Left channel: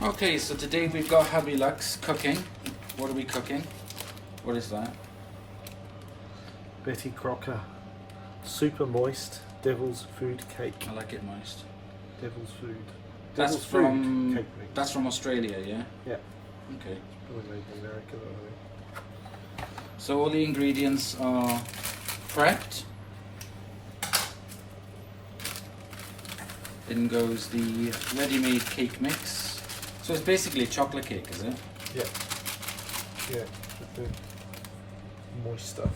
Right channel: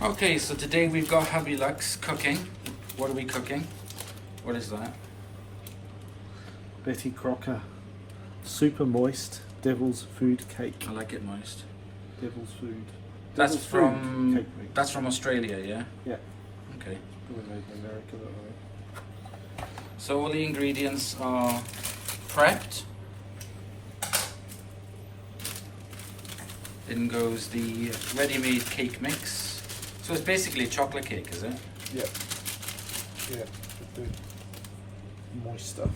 Okay, so today we've got HubbyLux cooking. What are we cooking? What is that? Betty Crocker. Super moist devil's food cake. I like it moist. Devil's food. That's Devil's from food cake mix. that's from Australia, yeah? Yeah. Okay. Probably made in America, though, So all the ingredients are prepped. Then goes the ready-made cake mix. So it's basically a chocolate cake, is it? yeah. Yeah. The moist stuff.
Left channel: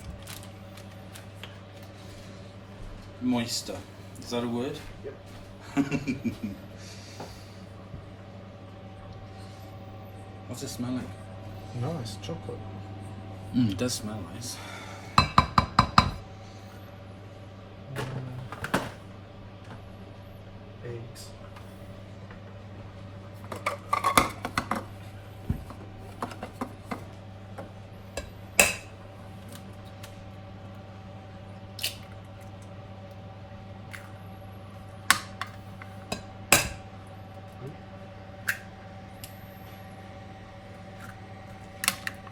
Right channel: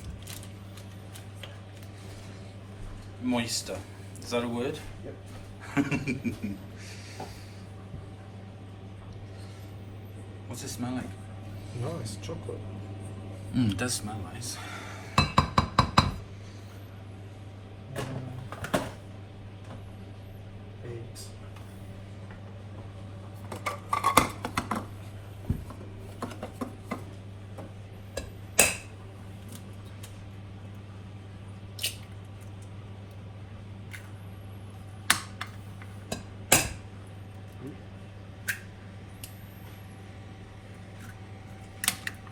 Moister. Is that a word? Yep. What's it smell like? Nice chocolate. It does smell nice. Eggs.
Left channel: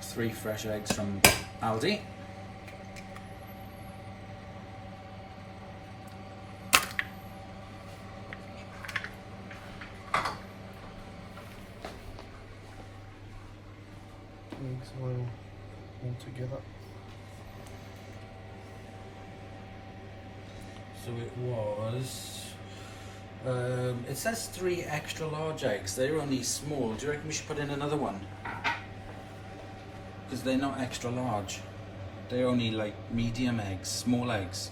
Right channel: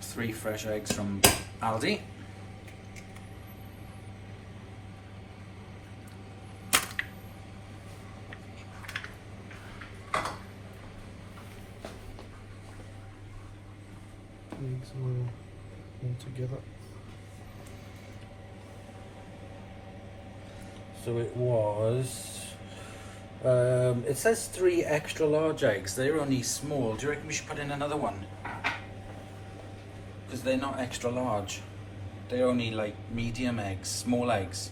Three fresh eggs from Aldi. Eggs all together. So it was. It says 3 extra large eggs. They're only small. Do you reckon we should put in another one? Because they're not extra large. They're only like medium eggs, small eggs.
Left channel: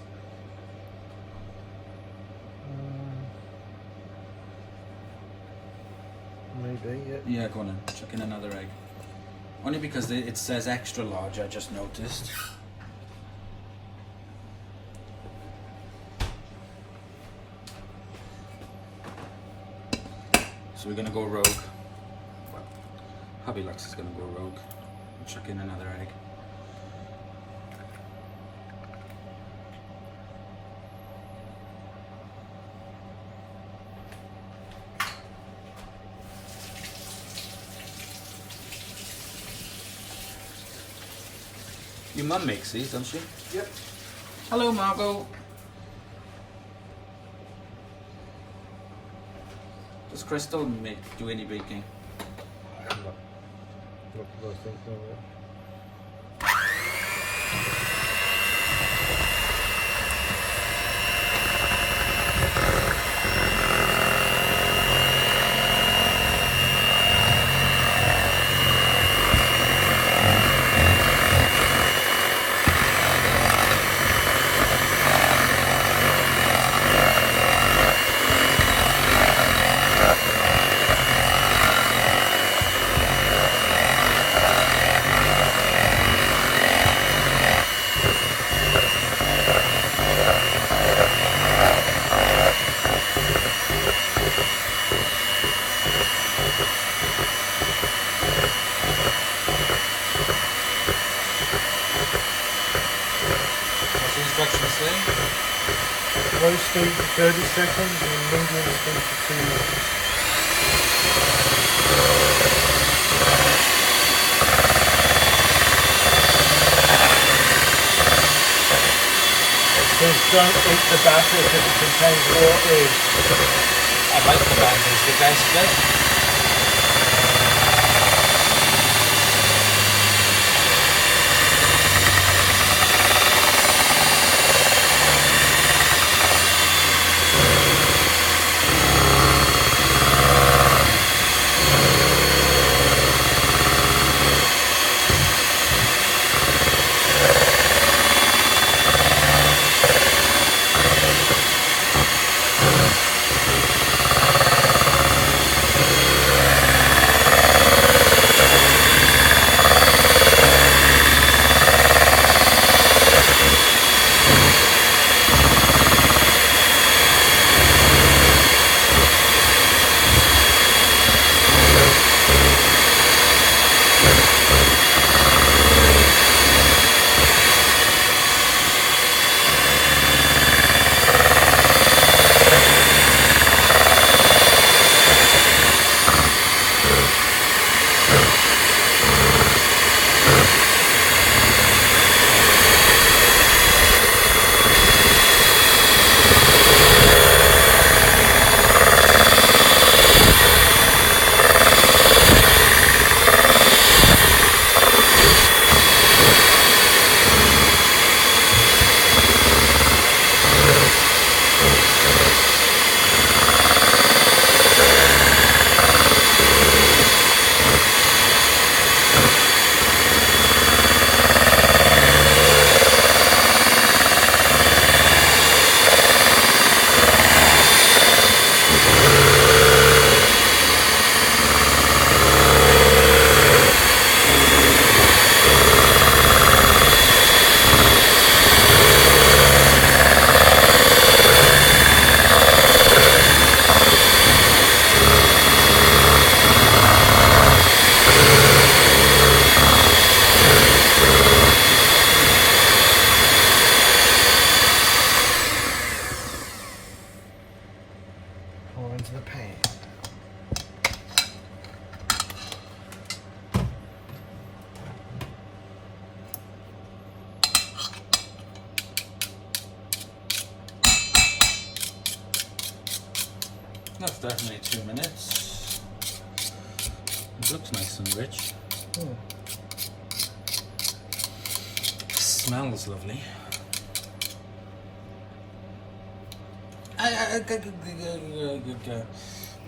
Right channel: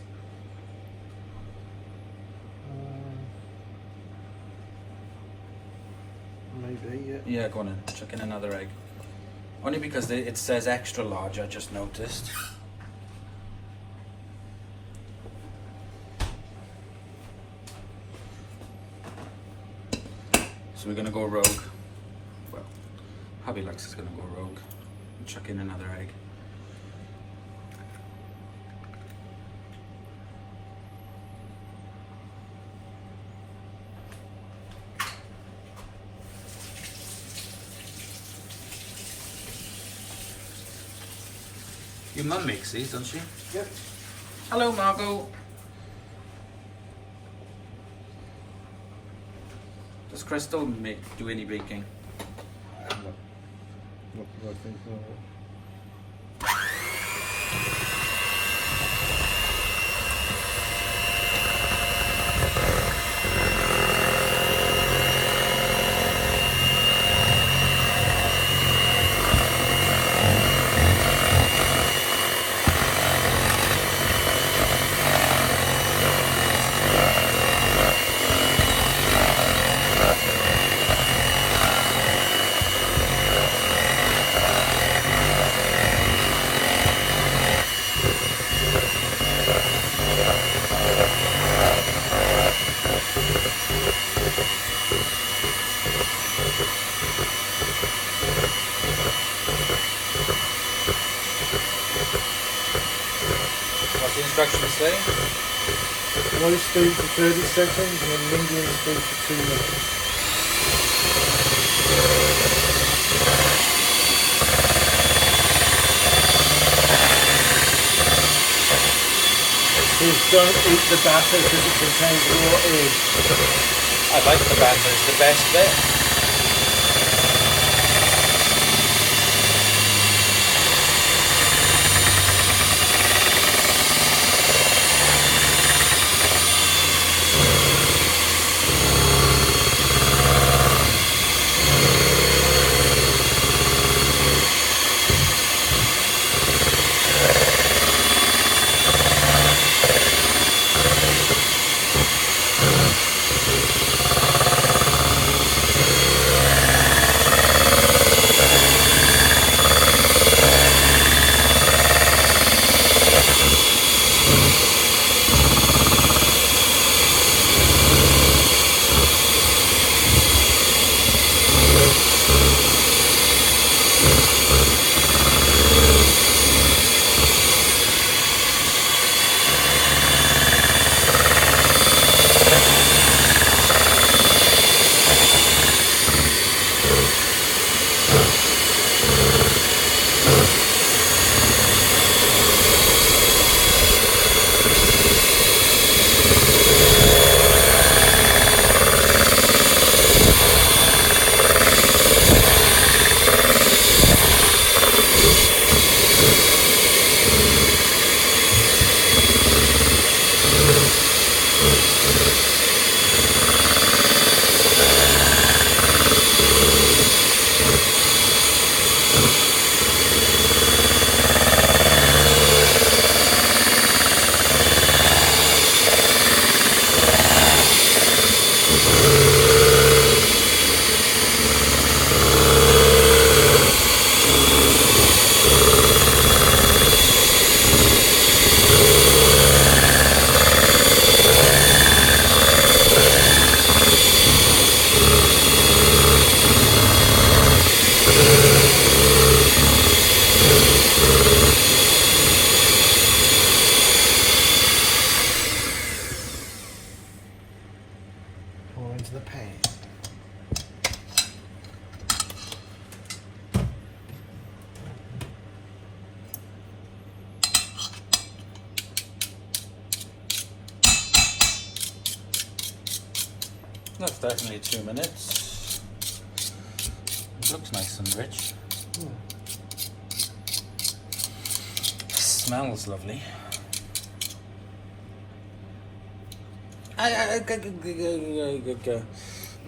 Maybe, yeah. Yeah, go on then. Chuck in another egg. Only because it says extra large, I just noticed. So we're gonna go rogue. Well, HubbyLux is gonna go rogue. Chuck in another egg. Your mum makes these, doesn't she? Yep. Hello, Margot. Does Crystal do any baking? Not thinking. Low speed for 30 seconds and medium speed for 2 minutes. Please don't eat the batter because it contains water. I like the batter, it's the best bit. into the pan. That's definitely 2 minutes. It looks nice and rich. Smells lovely.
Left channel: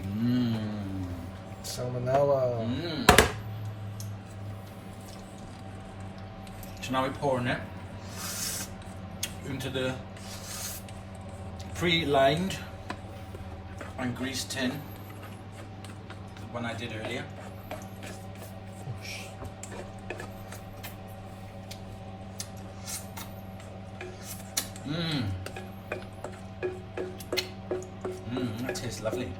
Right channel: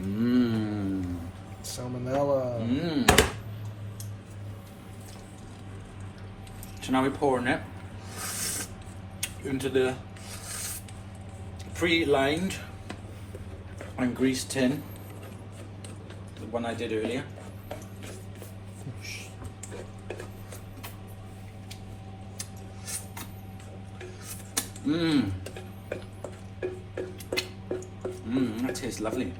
Mmm. Salmonella. So now we're pouring it into the pre-lined and greased tin, the one I did earlier. That tastes lovely.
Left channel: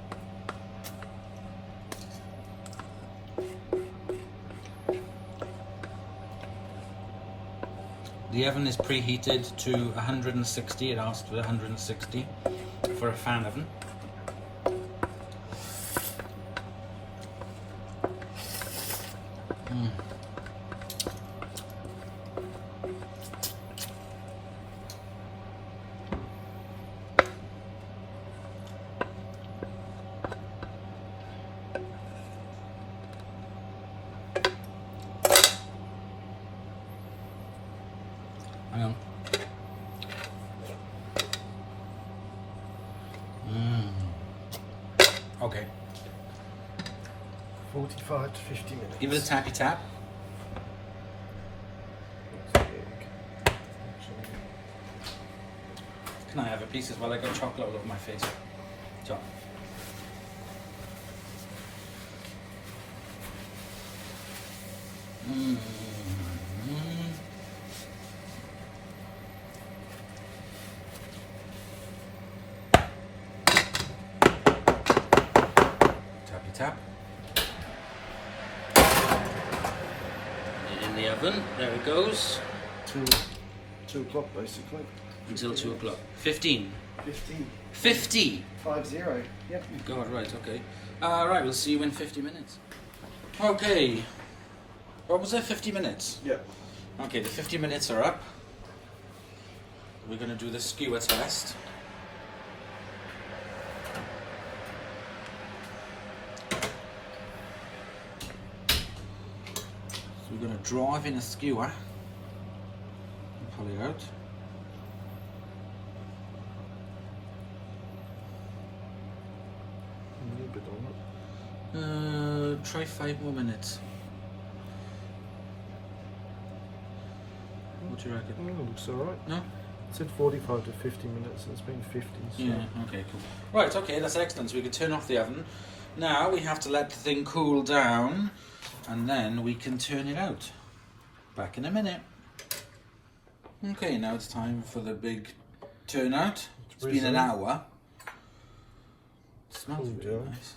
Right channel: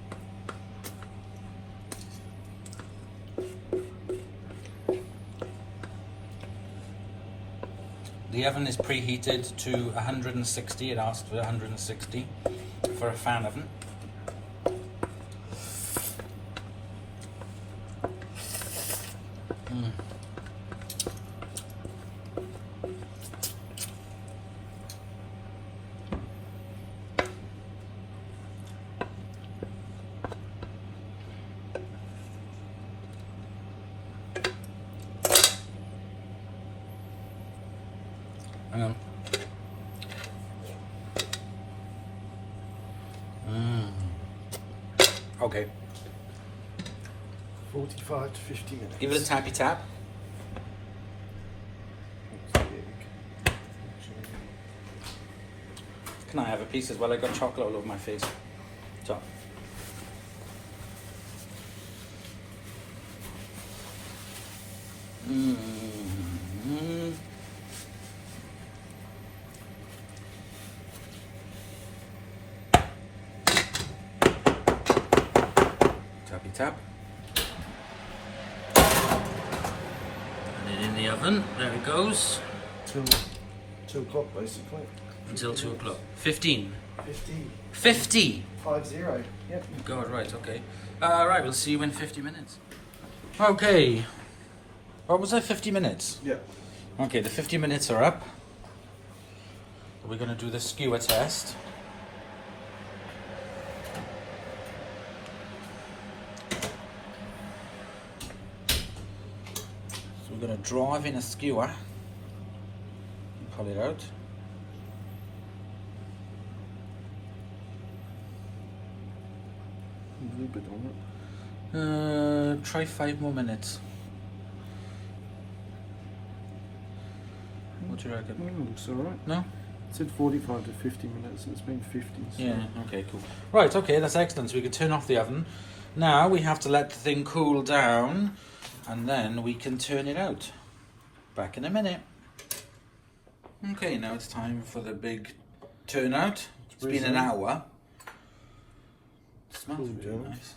The oven is preheated to 160. It asked for 160 for a fan oven. Hang on. Okay. 45 to 50 minutes. Give it a tappy tap. Can I have a piece as well? I got chocolate all over my face. So. Tappy tap. Put it in the oven. There it goes. Till 2 o'clock basically. Until 2 o'clock. 15. 50. 50! 50. Yep. God, right, okay. Right, we'll see you in 50 minutes. Okay. What was that, 50 minutes? Yeah. Okay, the 50 minutes are up. We're going to do the skewer test. So we're going to drive in a skewer and pull it out. Try 5 more minutes. What do you reckon? Looks alright. No? It said 45 to 50 minutes, it's been 50. So. Yeah, okay, cool. Right, okay, that's excellent. So we can turn off the oven. Now we have to let the thing cool down and then we can turn it out. Back in a minute. Okay, now it's time for the big turnout. It's been an hour. It smells really nice.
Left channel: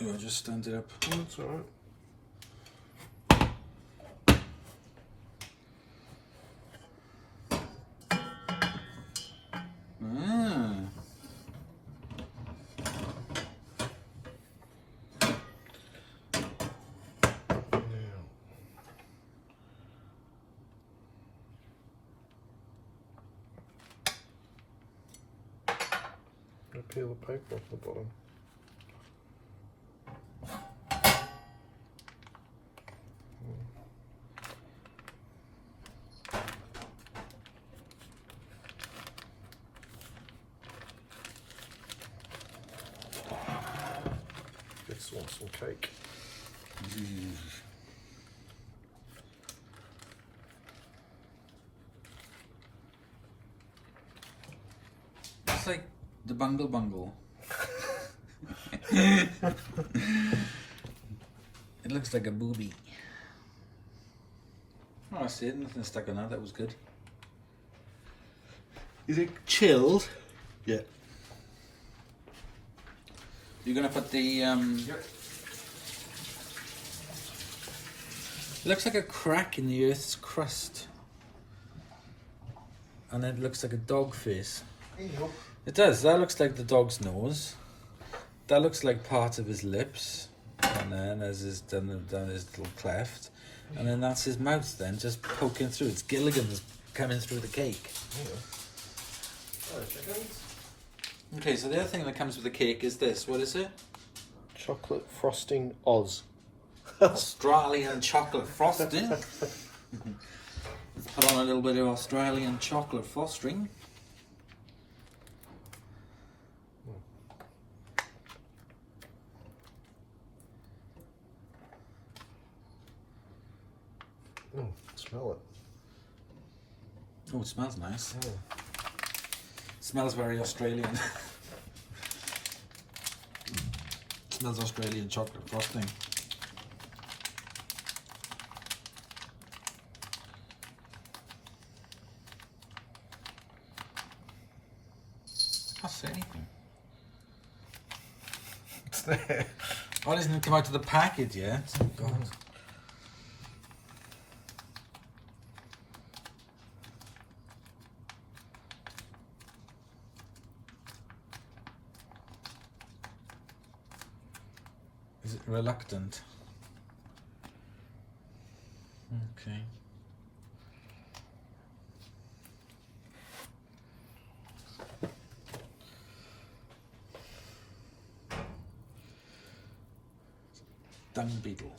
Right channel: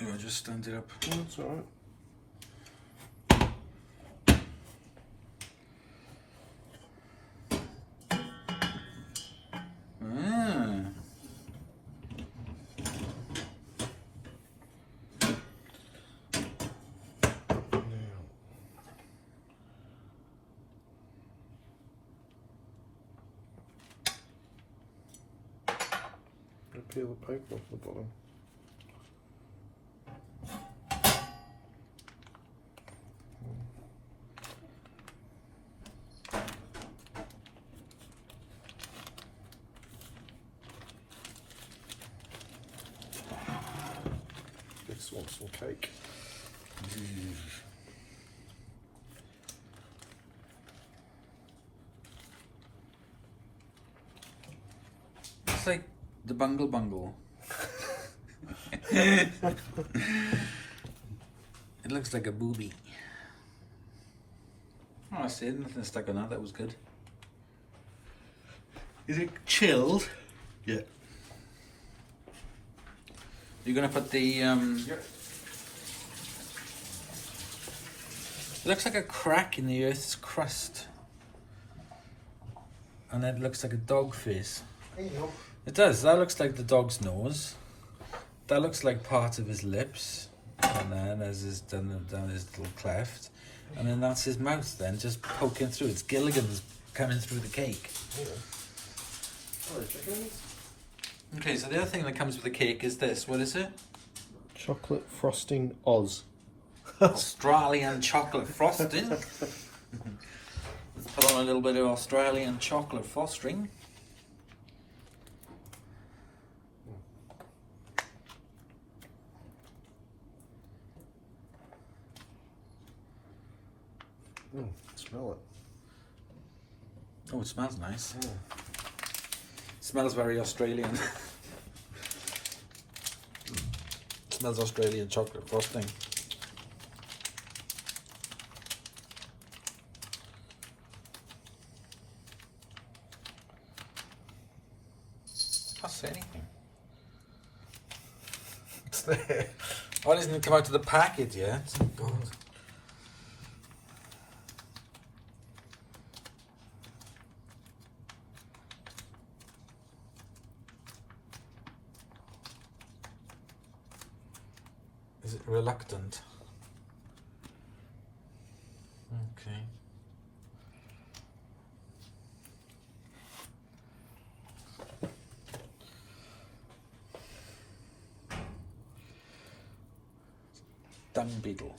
Yeah, just stand it up. Oh, that's alright. Peel the paper off the bottom. This wants some cake. It's like the bungle bungle. It looks like a booby. Oh, I see it. Nothing stuck on that. That was good. Is it chilled? Yeah. You're gonna put the Yep. It looks like a crack in the Earth's crust. And it looks like a dog face. It does. That looks like the dog's nose. That looks like part of his lips. And then as his done his little cleft. And then that's his mouth then, just poking through. It's Gilligan's coming through the cake. Okay, so the other thing that comes with the cake is this. What is it? Chocolate frosting Oz. Australian chocolate frosting. Let's put on a little bit of Australian chocolate frosting. Smell it. Oh, it smells nice. It smells very Australian. It smells Australian chocolate frosting. I see. It's there. Oh, it hasn't come out of the packet yet. Oh, God. Is it reluctant? Okay. Dung beetle.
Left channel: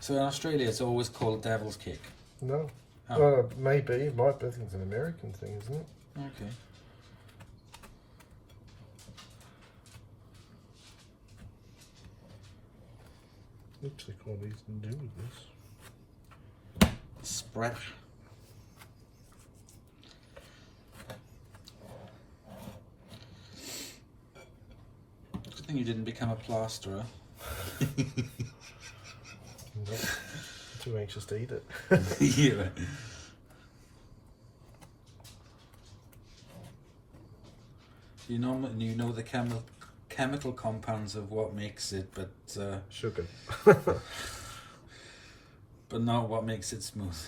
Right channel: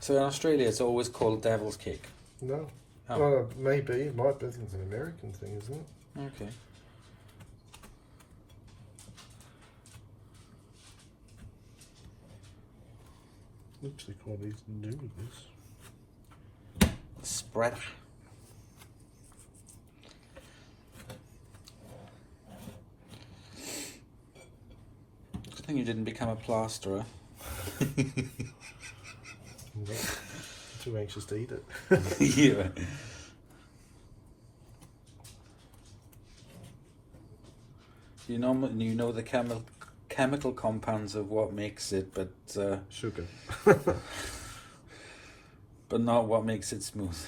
So in Australia, it's always called devil's cake. No. Oh. Well, maybe. It might be. I think it's an American thing, isn't it? Okay. Literally call these noodles. Spread. Good thing you didn't become a plasterer. Nope. I'm too anxious to eat it. Yeah. You know the chemical compounds of what makes it, but Sugar. but not what makes it smooth.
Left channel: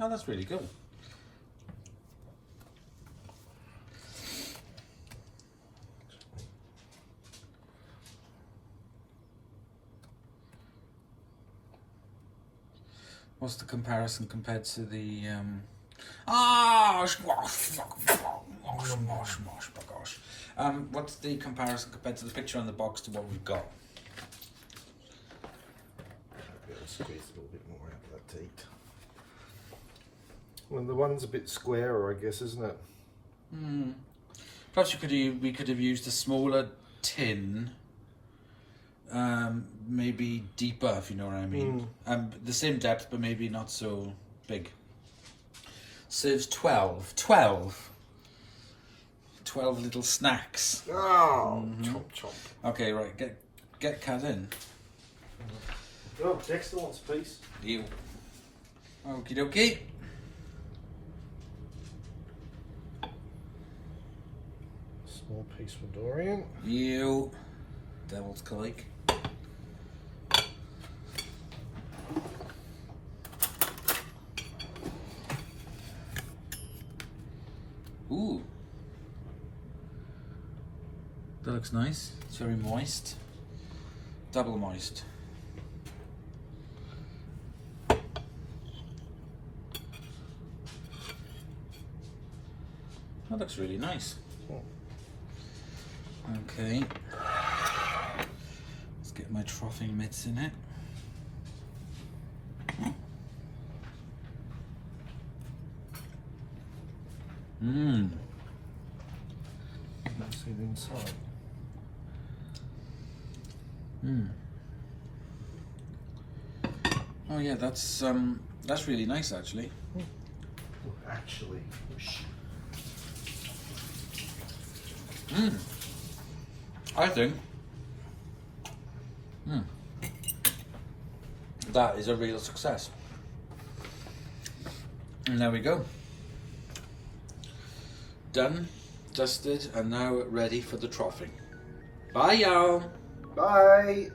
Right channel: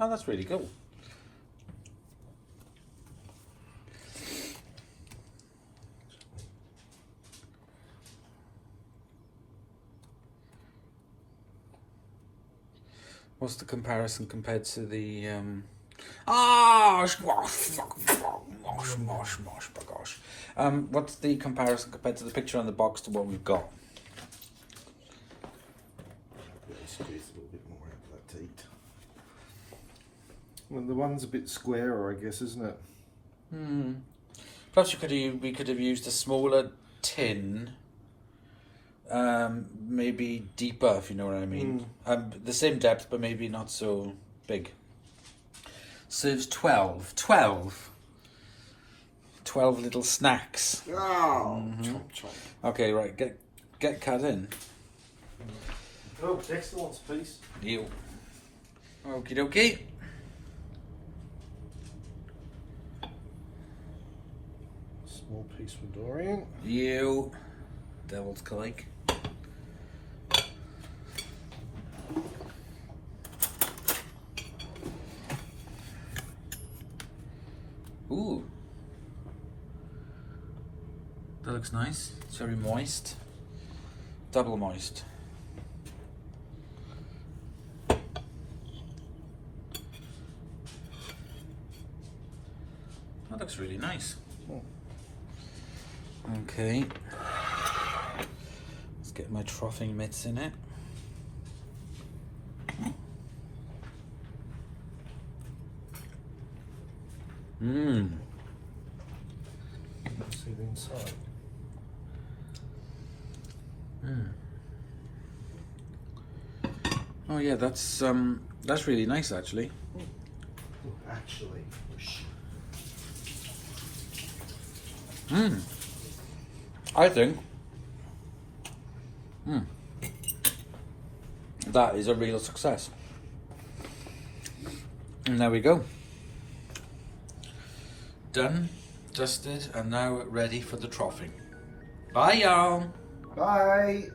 Oh, that's really cool. What's the comparison compared to the what's the comparison compared to the picture on the box to what we've got? I'll squeeze a little bit more out of that teat. Well, the one's a bit squarer, I guess, isn't it? Perhaps we could have used a smaller tin. Maybe deeper, if you know what I mean. The same depth, but maybe not so big. Serves 12 little snacks. Oh, chomp chomp. Okay, right, get cut in. Oh, Dexter wants a piece. You. Okie dokie. Small piece for Dorian. You. Devil's cake. Ooh. That looks nice. Very moist. Double moist. That looks really nice. Okay. Let's get my troughing mitts in it. Let's see the inside. Oh yeah, that's really nice actually. Oh, actually. I think That is a real success. And there we go. Done, dusted, and now ready for the troughing. Bye, y'all. Bye.